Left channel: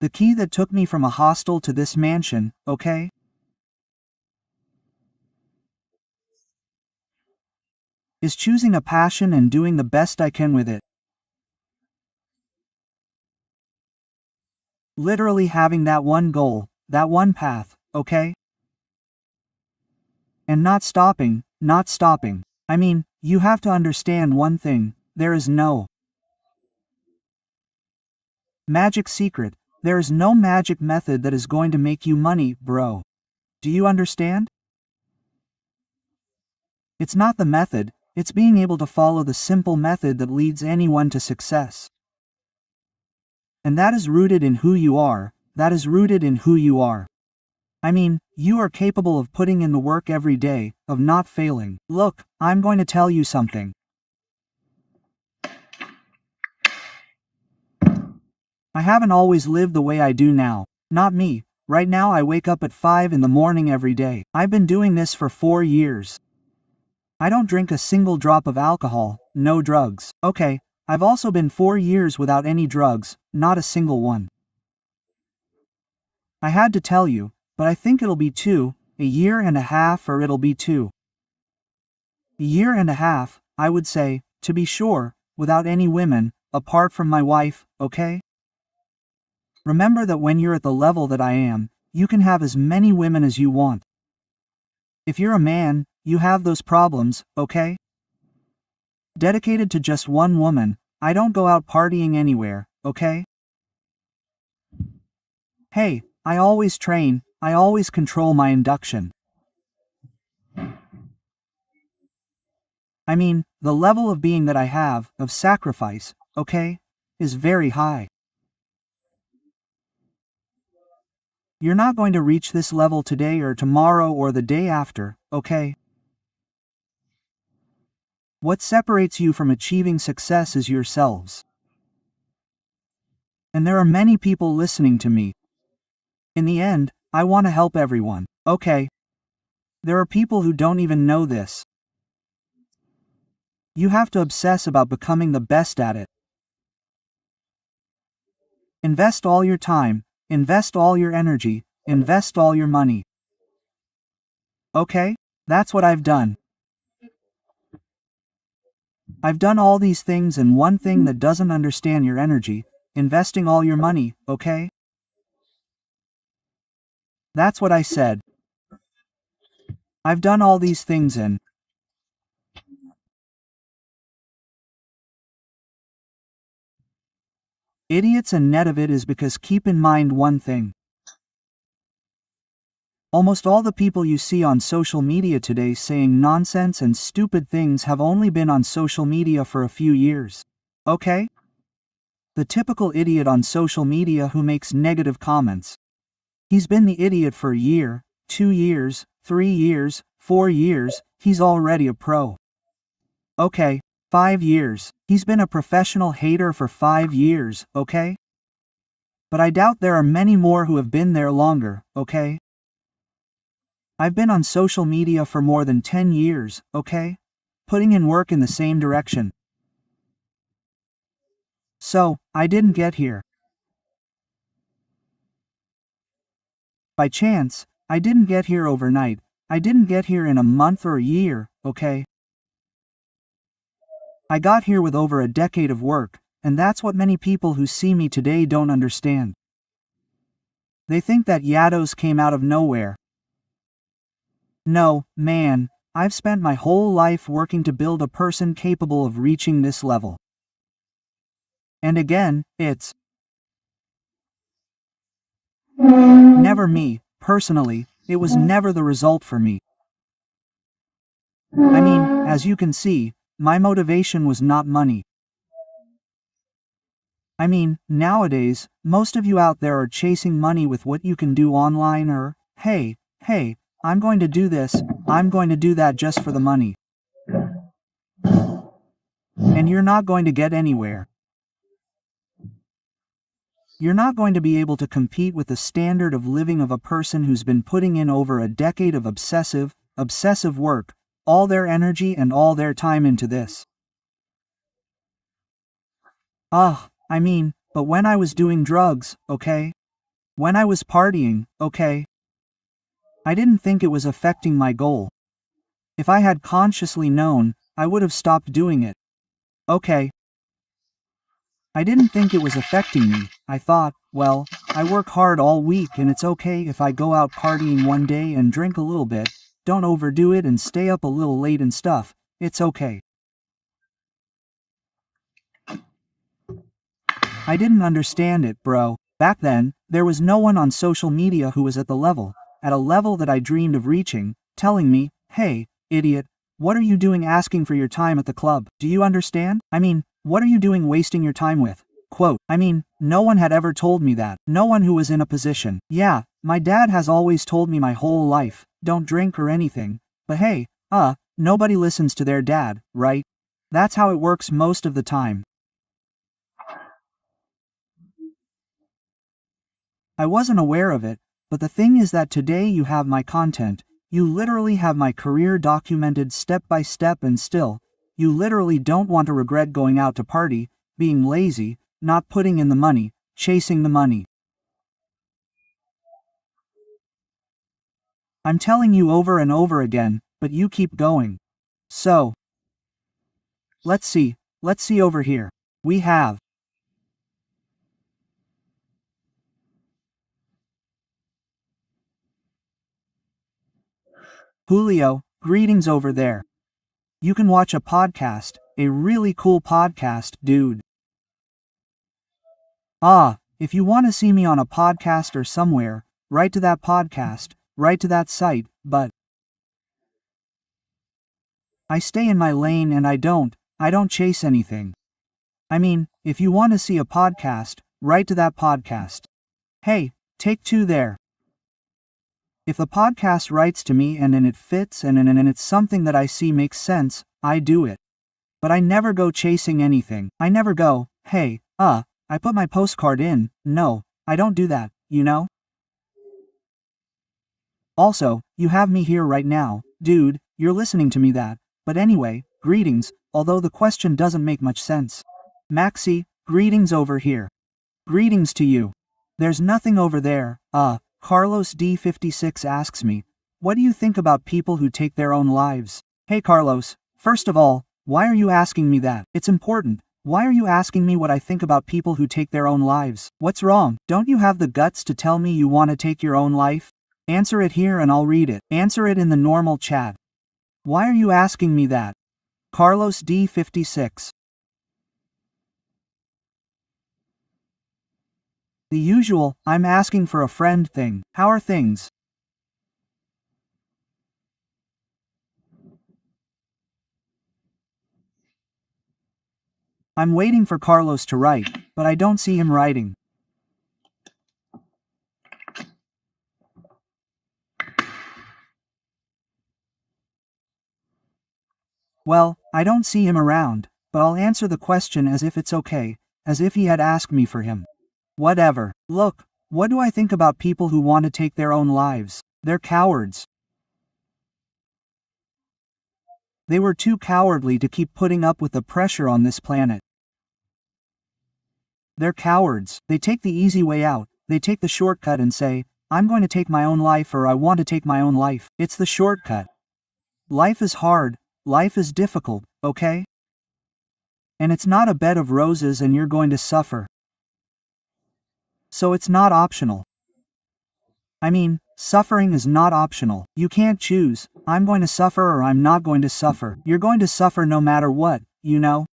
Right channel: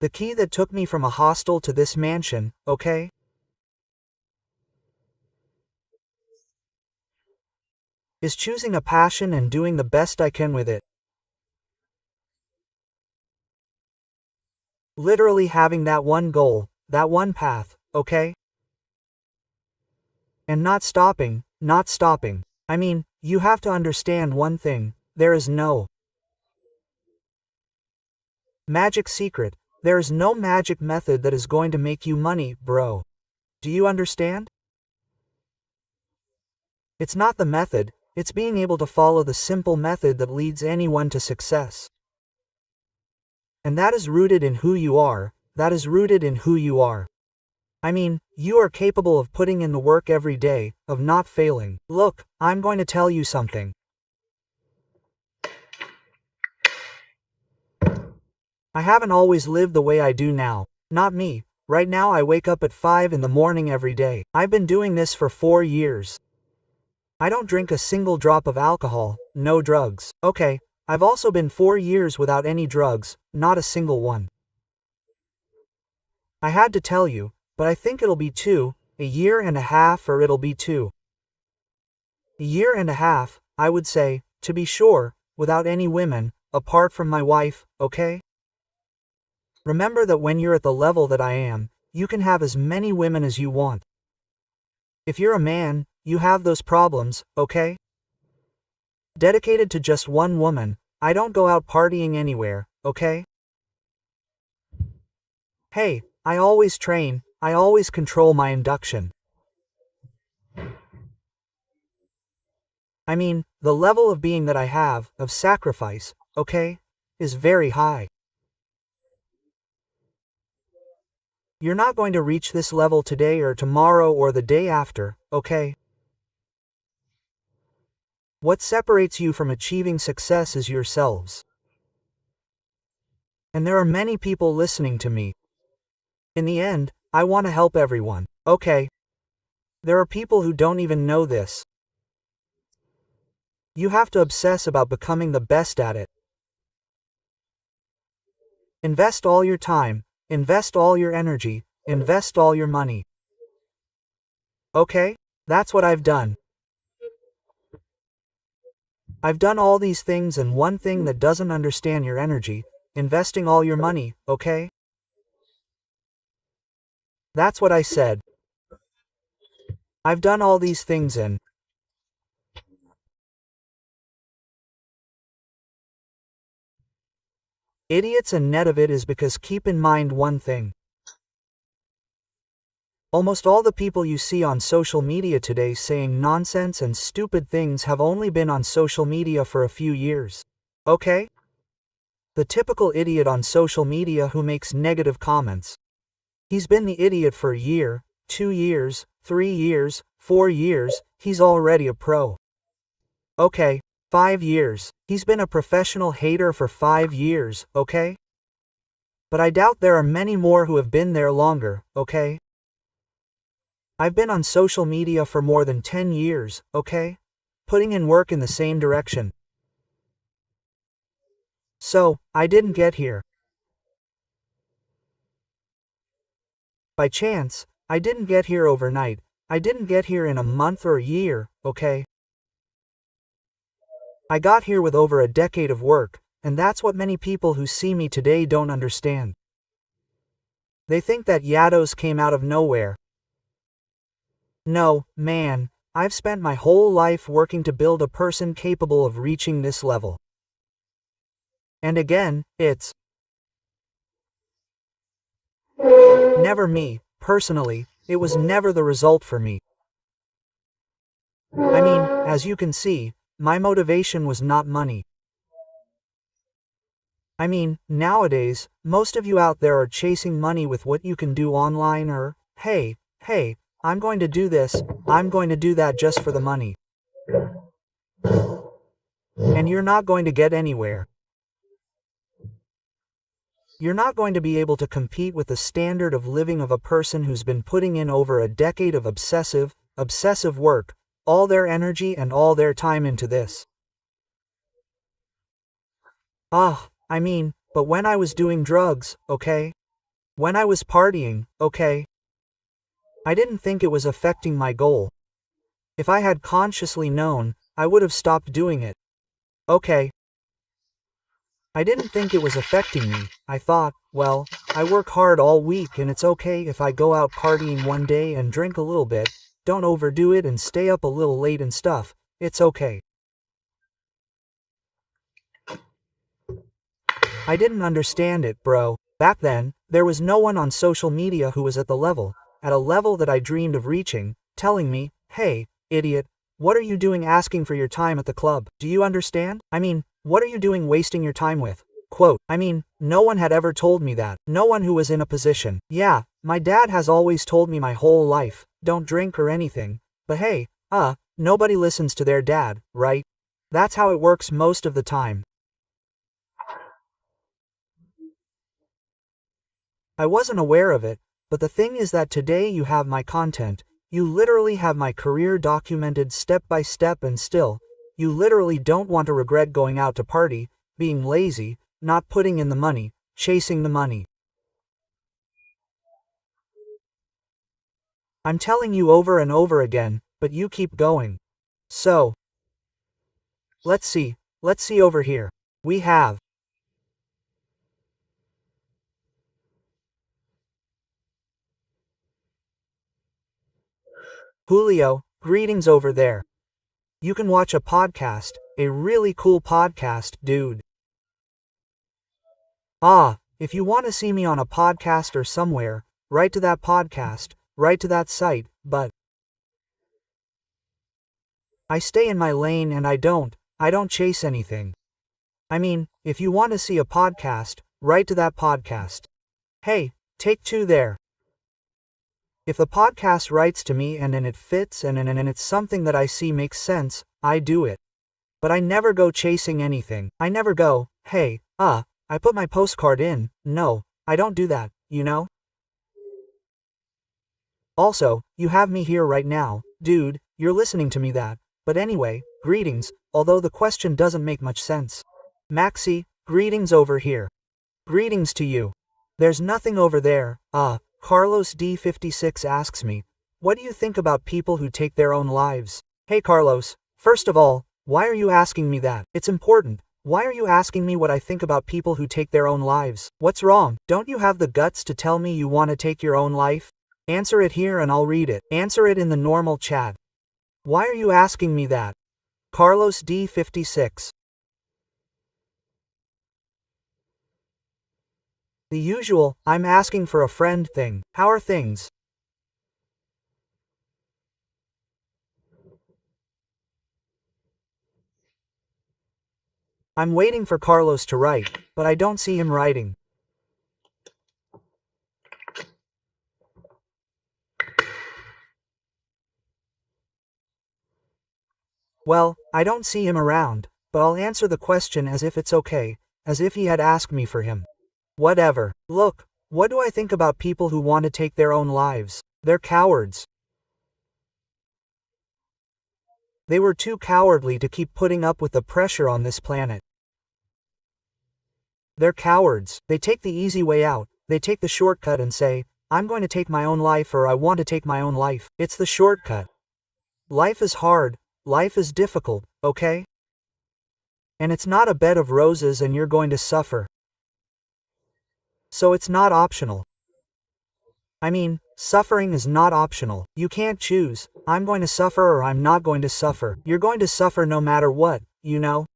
The key that took me from a hostel to this mansion, okay? Is choosing a passion and doing the best I can with it. Literally having that one goal, that one path, okay? And not stopping, not stopping. I mean, you have to understand one thing, there is no magic secret, there is no magic method that is going to make you money, bro. Do you understand? It's not the method, it's being able to follow the simple method that leads anyone to success. And that is rooted in who you are, that is rooted in who you are. I mean, you are capable of putting in the work every day, of not failing. Look, I'm going to tell you something. I haven't always lived the way I do now. Not me. Right now I wake up at 5 in the morning every day. I've been doing this for 4 years. I don't drink a single drop of alcohol, no drugs. Okay, I've also been 4 years without any drugs, not a single one. I had to tell you, but I think it'll be 2, a year and a half, or it'll be 2. A year and a half, I would say, to be sure, without any women, apart from my wife, okay? Remember that when you're at the level that I am, you can have as many women as you want. If you're a man, you have those problems, okay? Dedicated to just one woman, I don't go out partying anywhere, okay? Hey, I always train, I always control my induction. I mean, the level of being that I have, of sacrifice, okay, is very high. You're not going to reach this level today or tomorrow or the day after, okay? What separates you from achieving success is yourselves. And there are many people listening to me. In the end, I want to help everyone, okay? There are people who don't even know this. You have to obsess about becoming the best at it. Invest all your time, invest all your energy, invest all your money. Okay? That's what I've done. I've done all these things, and one thing that doesn't understand your energy, investing all your money, okay? That's what I said. I've done all these things, and idiots, and net of it is because keep in mind one thing. Almost all the people you see on social media today saying nonsense and stupid things have only been on social media for a few years. Okay? The typical idiot on social media who makes negative comments. He's been the idiot for a year, 2 years, 3 years, 4 years, he's already a pro. Okay, 5 years. He's been a professional hater for 5 years, okay? But I doubt there are many more who have been there longer, okay? I've been on social media for more than 10 years, okay? Putting in work in the same direction. So, I didn't get here by chance, I didn't get here overnight, I didn't get here in a month or a year, okay? I got here with over a decade of work, and that's what many people who see me today don't understand. They think that Yados came out of nowhere. No, man, I've spent my whole life working to build a person capable of reaching this level. And again, it's never me, personally, it was never the result for me. I mean, as you can see, my motivation was not money. I mean, nowadays, most of you out there are chasing money with what you can do online, or, hey, I'm going to do this, I'm going to do that just for the money. And you're not going to get anywhere. You're not going to be able to compete with the standard of living of a person who's been putting in over a decade of obsessive work, all their energy and all their time into this. I mean, but when I was doing drugs, okay? When I was partying, okay? I didn't think it was affecting my goal. If I had consciously known, I would have stopped doing it. Okay. I didn't think it was affecting me. I thought, well, I work hard all week and it's okay if I go out partying one day and drink a little bit, don't overdo it and stay up a little late and stuff, it's okay. I didn't understand it, bro. Back then, there was no one on social media who was at a level that I dreamed of reaching, telling me, hey, idiot, what are you doing asking for your time at the club? Do you understand? I mean, what are you doing wasting your time with? Quote, I mean, no one had ever told me that. No one who was in a position. Yeah, my dad has always told me my whole life, don't drink or anything. But hey, nobody listens to their dad, right? That's how it works most of the time. I wasn't aware of it, but the thing is that today you have my content, you literally have my career documented step by step and still, you literally don't want to regret going out to party, being lazy, not putting in the money, chasing the money. I'm telling you over and over again, but you keep going. So, let's see over here. We have Julio, greetings over there. You can watch a podcast, a really cool podcast, dude. If you want to see me on a podcast or somewhere, write to that podcast, write to that site, but I stay in my lane and I don't chase anything. I mean, if you want to see a podcast, write to that podcast. Hey, take two there. If the podcast writes to me and it fits and it's something that I see makes sense, I do it. But I never go chasing anything. I never go, hey, I put my postcard in. No, I don't do that, you know? Also, you have me here right now, dude, you're listening to me that. But anyway, greetings, although the question doesn't make much sense. Maxi, greetings over here. Greetings to you. There's nothing over there. Carlos D56 asks me, what do you think about people who take their own lives? Hey Carlos, first of all, why are you asking me that? It's important. Why are you asking me what I think about people who take their own lives? What's wrong? Don't you have the guts to tell me you want to take your own life? Answer it here and I'll read it. Answer it in the normal chat. Why are you asking me that? Carlos D56. The usual, I'm asking for a friend thing. How are things? I'm waiting for Carlos to write, but I don't see him writing. Well, I don't see him around, but I'll answer the question as if it's okay, as if he had asked me for him. Whatever. Look, what do I think about people who want to take their own lives? They're cowards. They were too cowardly to keep putting up with the pressure on this planet. They're cowards. They take the easy way out. They take the shortcut and say, I'm going to take my own life or I want to take my own life. It's the shortcut. Life is hard. Life is difficult, okay? And it's not a bed of roses and you're going to suffer. So it's not optional. I mean, suffering is not optional. You can't choose, I'm going to suffer or I'm not going to suffer. You're going to suffer no matter what, you know?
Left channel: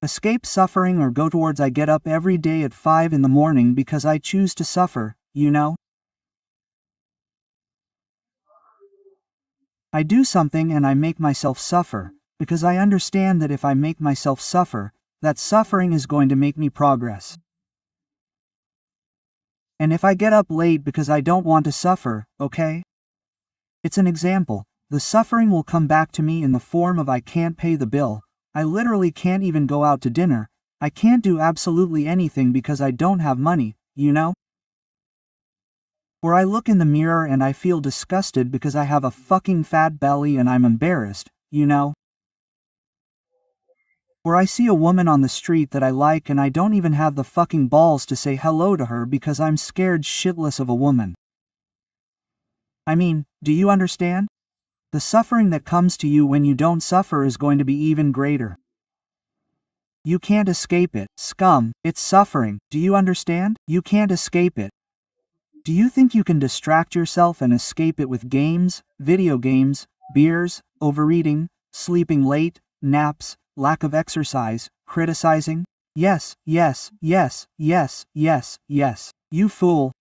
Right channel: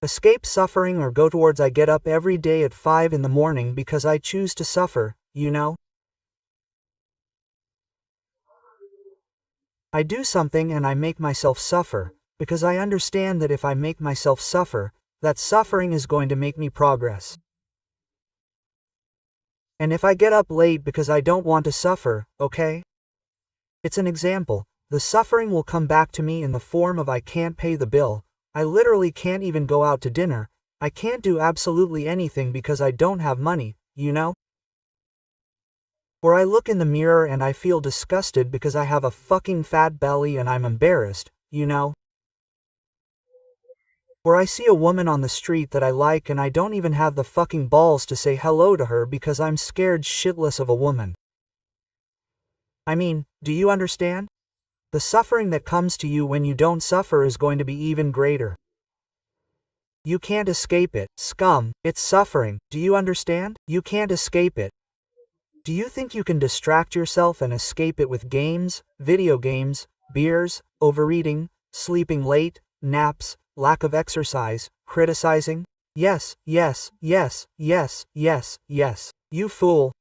Escape suffering or go towards I get up every day at 5 in the morning because I choose to suffer, you know? I do something and I make myself suffer, because I understand that if I make myself suffer, that suffering is going to make me progress. And if I get up late because I don't want to suffer, okay? It's an example. The suffering will come back to me in the form of I can't pay the bill, I literally can't even go out to dinner, I can't do absolutely anything because I don't have money, you know? Or I look in the mirror and I feel disgusted because I have a fucking fat belly and I'm embarrassed, you know? Or I see a woman on the street that I like and I don't even have the fucking balls to say hello to her because I'm scared shitless of a woman. I mean, do you understand? The suffering that comes to you when you don't suffer is going to be even greater. You can't escape it, scum, it's suffering, do you understand? You can't escape it. Do you think you can distract yourself and escape it with games, video games, beers, overeating, sleeping late, naps, lack of exercise, criticizing? Yes, yes, yes, yes, yes, yes. You fool.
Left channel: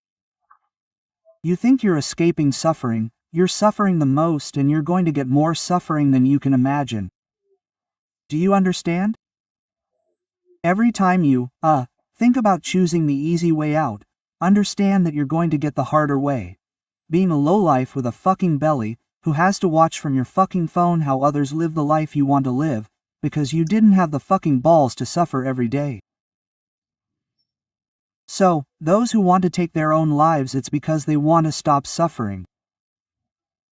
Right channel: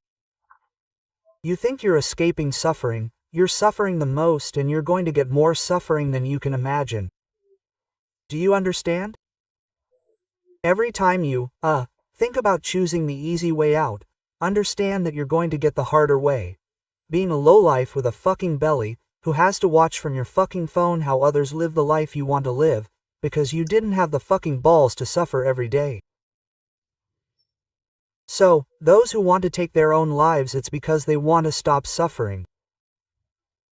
You think you're escaping suffering, you're suffering the most and you're going to get more suffering than you can imagine. Do you understand? Every time you, think about choosing the easy way out, understand that you're going to get the harder way. Being a lowlife with a fucking belly, who has to watch from your fucking phone how others live the life you want to live, because you didn't have the fucking balls to suffer every day. So, those who want to take their own lives, it's because they want to stop suffering.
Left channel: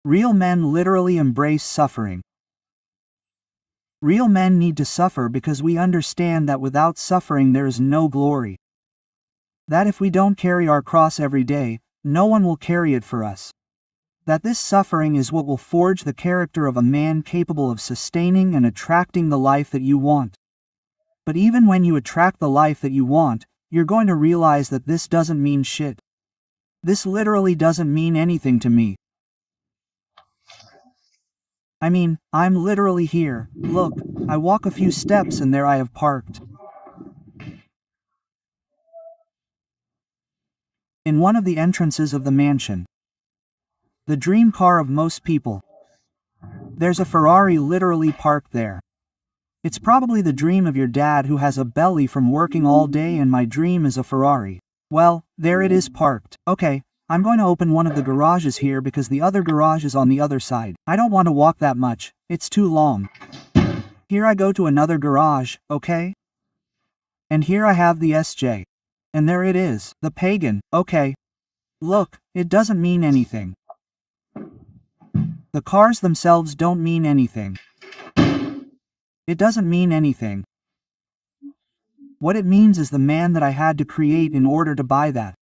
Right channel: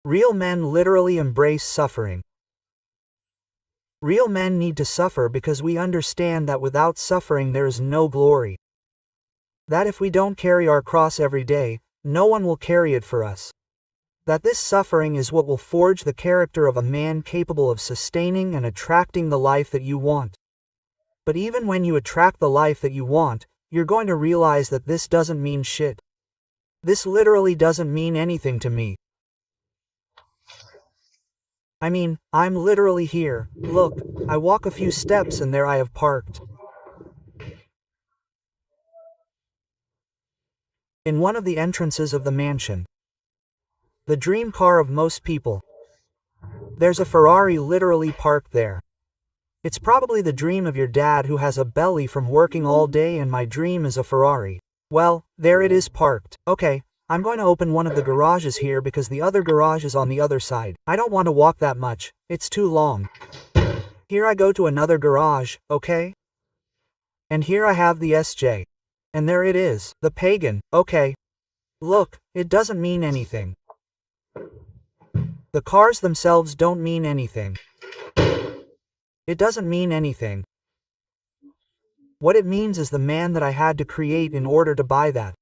Real men literally embrace suffering. Real men need to suffer because we understand that without suffering there is no glory. That if we don't carry our cross every day, no one will carry it for us. That this suffering is what will forge the character of a man capable of sustaining and attracting the life that you want. But even when you attract the life that you want, you're going to realize that this doesn't mean shit. This literally doesn't mean anything to me. I mean, I'm literally here, look, I walk a few steps and there I have parked. In one of the entrances of the mansion. The dream car of most people. There's a Ferrari literally parked there. It's probably the dream of your dad who has a belly from working all day, and my dream is a Ferrari. Well, there it is parked. Okay, I'm going to open one of the garages here because the other garage is on the other side. I don't want to walk that much, it's too long. Here I go to another garage, okay? And here I have the SJ. And there it is, the pagan, okay. Look, it doesn't mean anything. The cars themselves don't mean anything. It doesn't mean anything. What it means is the man that I had to create in order to buy that.